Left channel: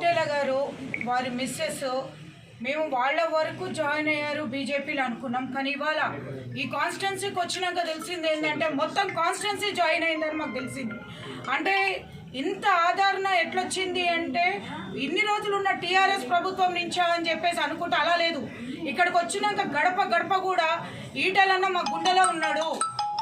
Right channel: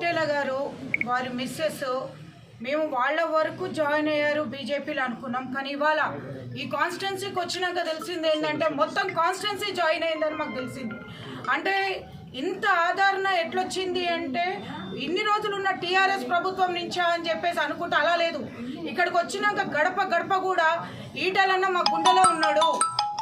పటేల గారు వారి మిస్సెస్ మేము వాళ్ళ వరకు జాయిన్ అయ్యారు బీజేపీలో అనుకున్నాం. కానీ ఇవాళ ఈ కాన్స్టిట్యున్సీకి వచ్చినాక తెలిసింది ఏంటంటే మొత్తం కాన్స్టిట్యున్సీ జాయిన్ అయిందని మాకు తెలిసింది. అంటే ఇంత ఆదరణ ఎట్లొచ్చింది అంటే ఇన్ని రోజులు ఉన్న టీఆర్ఎస్ ప్రభుత్వం నుంచా అని చెప్పేసి అనుకుంటే అలా లేదు. ఇక్కడికి వచ్చినాక గడప గడప కూడా ఈటలన్న మా గుండెలో ఉన్నాడు.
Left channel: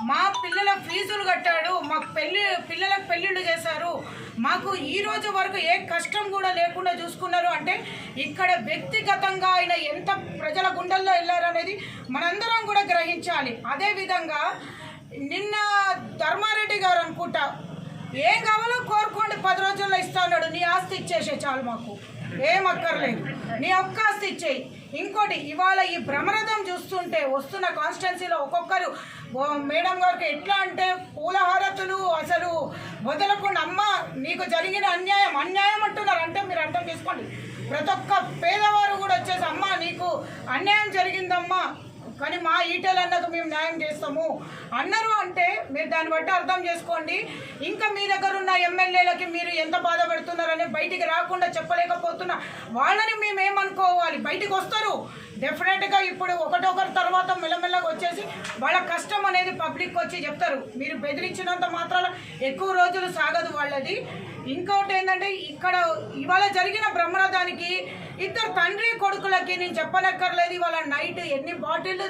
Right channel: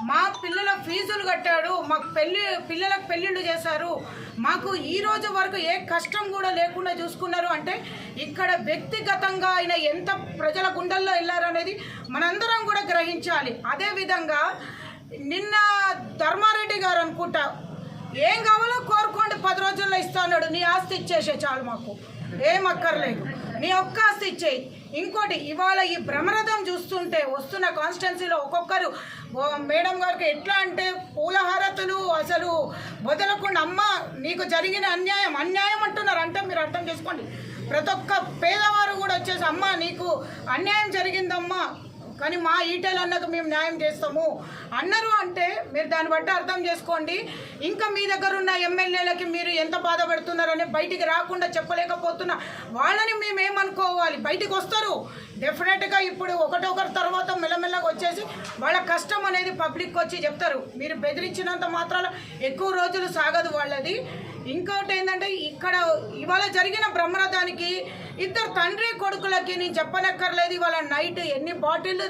మా పిల్లల ఫీజులు కట్టాడు మాకు పెళ్ళి పిల్లలకు పెళ్ళిళ్ళు చేశారు. మాకు ఈ రోజు వరకు ఏ కష్టం కూడా లేకుండా చూసుకున్నారు. అంటే ఇక్కడ వ్యక్తిగతంగా ఆయన ఎంత ప్రజల గుండెల్లో వెళ్ళారనేది మనందరం కూడా గ్రహించాలి. అదేవిధంగా నిన్న ధర్మారెడ్డి గారు అనుకుంటా ఏం కావాలో కోరుకోండి పది రోజుల్లో ఇస్తా అన్నాడు. నీ ఆస్తి ఇచ్చేసే చాలు మాకు. ఏం అక్కర్లేదు. నీ ఒక్క ఆస్తి ఇచ్చేయి. ఇంకోటి ఇవాళ ఈ భ్రమరథం చూస్తుంటే వస్తున్న కాన్స్టెన్సీలో ఒక్కొక్కరు మేడం గారికి ఎట్లా అంటే పూలహారతులు అసలు వదలకుండా అమ్మ నీకు జరిగిన అన్యాయం అన్యాయం అంటున్నారు. అంటే మీరు అర్థం చేసుకోండి. ప్రతి ఒక్క పేదవారు కూడా వచ్చేసి అమ్మ నీకు అన్యాయం జరిగిందమ్మా. కానీ మా ఈటెల్ అన్నకు మేము న్యాయం చేస్తాము. అన్నారు అంటే మీరు దాన్ని బట్టి అర్థం చేసుకోండి. ఇంకా మీ దగ్గర ఉన్న ఎమ్మెల్యేలకి మీరు ఎంత బాధపడుతున్నారని బయటికి రాకుండా చెప్పలేకపోతున్నా. వాళ్ళని మేము ఏమనుకోవాలి బయటికి వస్తారు. డెఫినెట్గా ఇప్పుడు ఒకటొకరి తర్వాత మెల్లమెల్లగా వాళ్ళ కష్టం అనేది పబ్లిక్ వచ్చి చెప్తారు. మీరు బెదిరించినంత మాత్రాన ఎక్కువ రోజులు సాగదు వాళ్ళది. ఇంకోటి ఏంటంటే ఇక్కడ ఇవాళ జరిగిన బ్రహ్మరథానికి ఇద్దరు తండ్రి కొడుకులకి నేను చెప్పనక్కర్లేదు ఇవాళ నైట్ ఎన్ని బాటిల్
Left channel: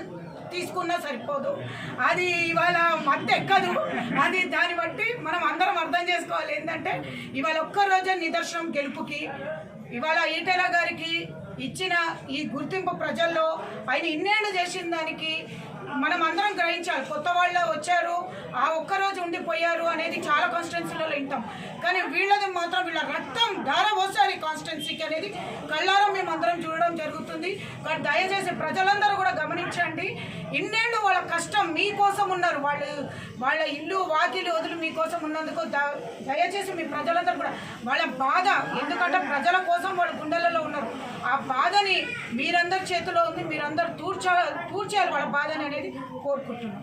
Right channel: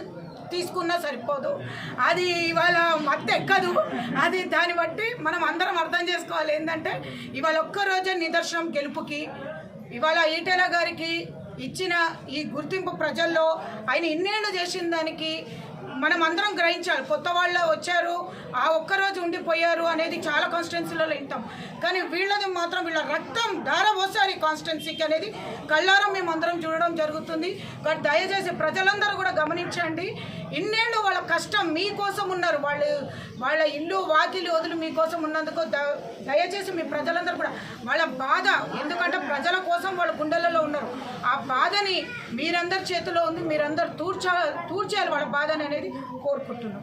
తీసుకున్నా సరిపోదు. అది ఇవాళ మత్తు ఎక్కదు. అది దాన్ని బట్టి మనం అందరం అర్థం చేసుకోవాలి. ఏంటంటే ఇవాళ ఒక్క రోజే నిదర్శనం గెలుపుకి ఇవాళ ఈటెల గారికి ఇచ్చిన ఈ గుర్తింపు ప్రజల్లో ఆయన ఇన్నేళ్ళు చేసిన దానికి మనం అందరం గ్రహించాలి. కొత్త వాళ్ళు వచ్చారు ఆ ఒక్కరోజు ఉండిపోయారు అనేది చాలా కాన్స్టిట్యున్సీలలో వింటాం. కానీ వీళ్ళది మాత్రం వీళ్ళ రక్తం ధార పోసారు ఈ కాన్స్టిట్యున్సీకి అనేది కళ్ళారం మేము అందరం చూడడం జరుగుతుంది. బట్ దయచేసి ప్రజలందరూ కూడా గమనించండి ఇన్నేళ్ళు వాళ్ళ కష్టం మీకోసం ఉన్నారు. వాళ్ళు వాళ్ళ ఇల్లు వాకిలు వదులు మీకోసం ఉన్నందుకు దయచేసి మీ ప్రజలందరూ కూడా వాళ్ళ బాధ ఎందుకంటే ప్రజల కోసం వాళ్ళ గుండెలలో ఉన్నారు. ఆ బాధని మీరందరి చేతిలో ఉంది మీరందరూ తూర్చా తూర్చాలి వాళ్ళ బాధని అనేది కోరుకుంటున్నాం.